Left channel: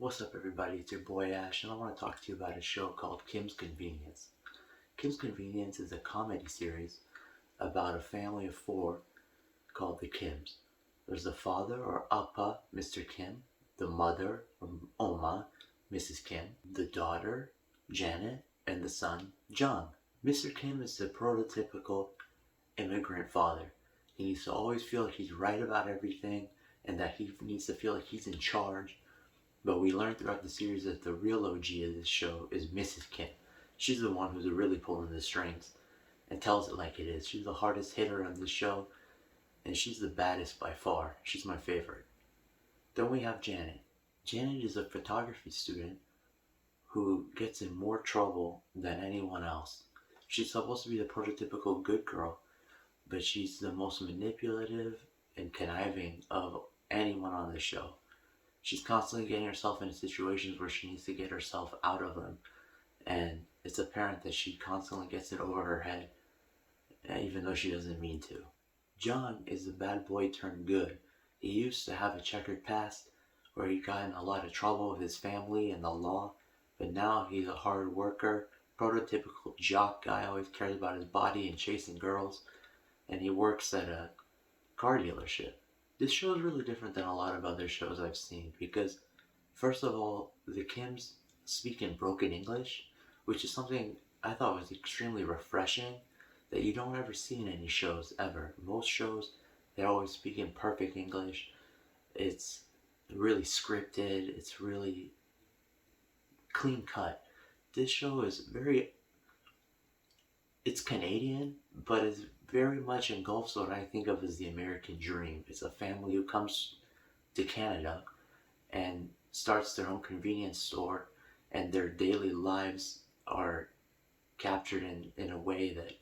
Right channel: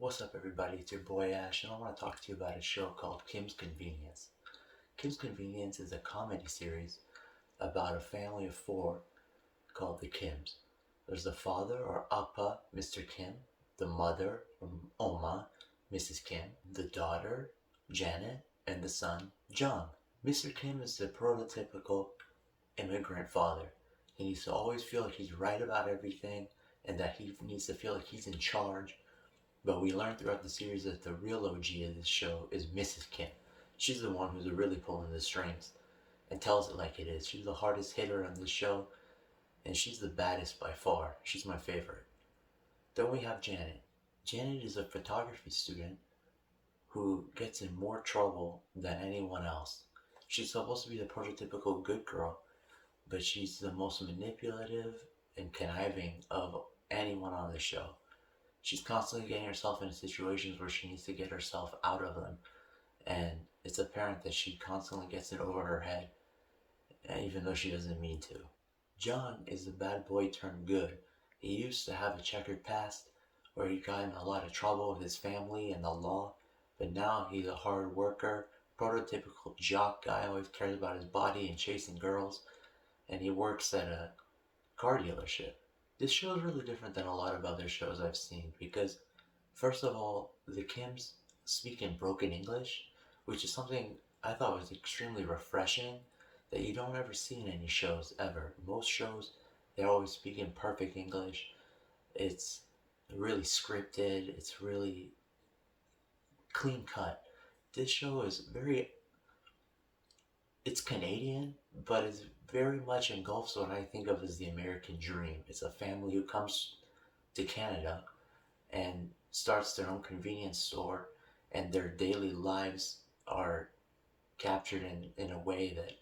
What's up, everybody? It's your boy Ash, and I want to talk to you about a show called Kim's Convenience. Kim's Convenience is a comedy series about a family of four called the Kims. There's the father, or Appa, Mr. Kim, the mother, or Oma, Mrs. Kim, the daughter, Janet, and the son, John. Mr. Kim is the prototypical immigrant father. He needs to always feel like he's right about everything and that he needs to feel like he's in charge. But we learn throughout the series that the real OG of this show is Mrs. Kim. She's the one who's really pulling the strings and tells it like it is. She's the hardest hitter on this show, and she's the baddest by far. She's my favorite. Then we have Janet. Janet is a photography student who gets in more trouble than anyone else. She's supposed to be the prototypical good girl, but she's the most manipulative and conniving of anyone on the show. She's constantly getting herself into situations where she needs to get herself out of them. And it's apparent that she constantly gets it over her head, even though she doesn't mean to. John is the bad boy turned good. He used to have a checkered past where he got in a lot of trouble with his family and the law, but now he's a hard worker, prototypical jock guy, always cares about his body and chasing girls, and he works at a car dealership. This show is really different than a lot of other shows I've seen because, first of all, the Kims speak in broken English, which is something I thought was extremely refreshing that you don't ever see in any shows ever. Most shows, they always speak in perfect English. It's really scripted, it's really clean cut. This show is it's Canadian, but it's very much engulfs what I think of as the American dream. It's a family who comes to Canada and starts their own convenience store, and their daily lives are captured in a way that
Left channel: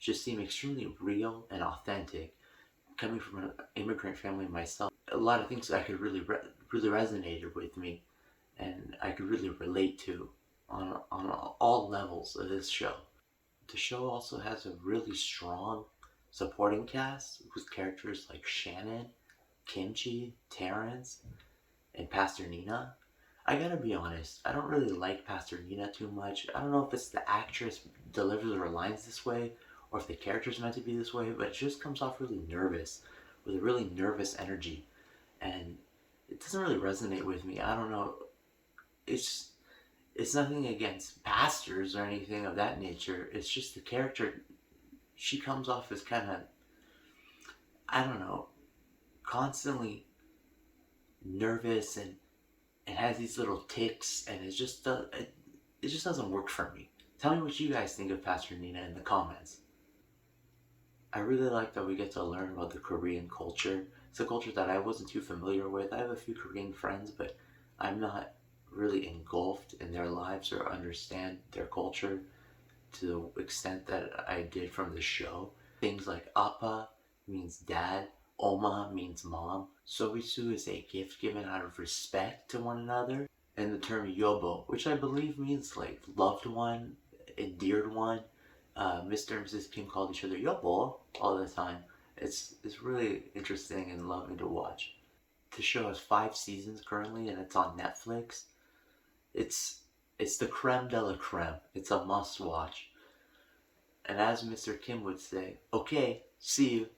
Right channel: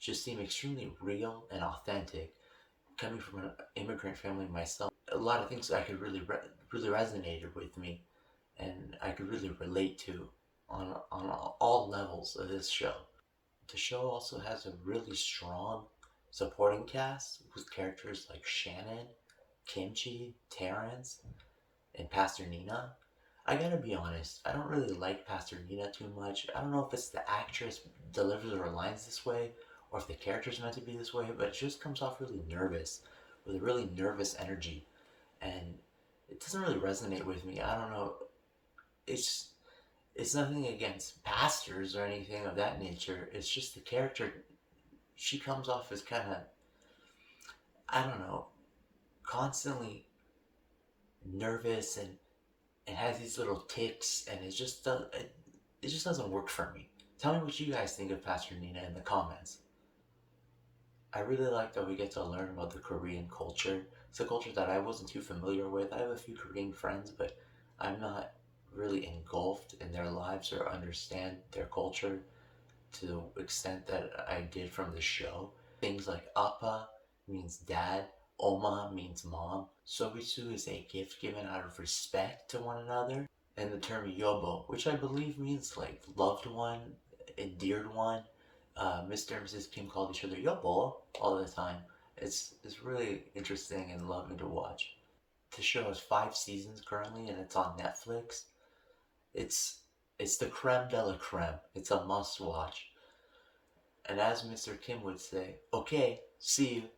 just seem extremely real and authentic. Coming from an immigrant family myself, a lot of things I could really resonated with me, and I could really relate to on all levels of this show. The show also has a really strong supporting cast with characters like Shannon, Kimchi, Terrence, and Pastor Nina. I gotta be honest, I don't really like Pastor Nina too much. I don't know if it's the actress delivers her lines this way or if the character's meant to be this way, but it just comes off really nervous, with a really nervous energy. And it doesn't really resonate with me. I don't know. It's it's nothing against pastors or anything of that nature. It's just the character. She comes off as kind of, I don't know, constantly nervous and has these little ticks, and it just doesn't work for me. Tell me what you guys think of Pastor Nina in the comments. I really like that we get to learn about the Korean culture. It's a culture that I wasn't too familiar with. I have a few Korean friends, but I'm not really engulfed in their lives or understand their culture to the extent that I did from the show. Things like Appa means dad, Oma means mom, Sobisu is a gift given out of respect to one another, and the term Yobo, which I believe means like loved one, endeared one. Mr. and Mrs. Kim called each other Yobo all the time. It's really interesting and loving to watch. The show has 5 seasons currently, and it's on Netflix. It's it's the creme de la creme. It's a must watch. And as Mr. Kim would say, okay, see you.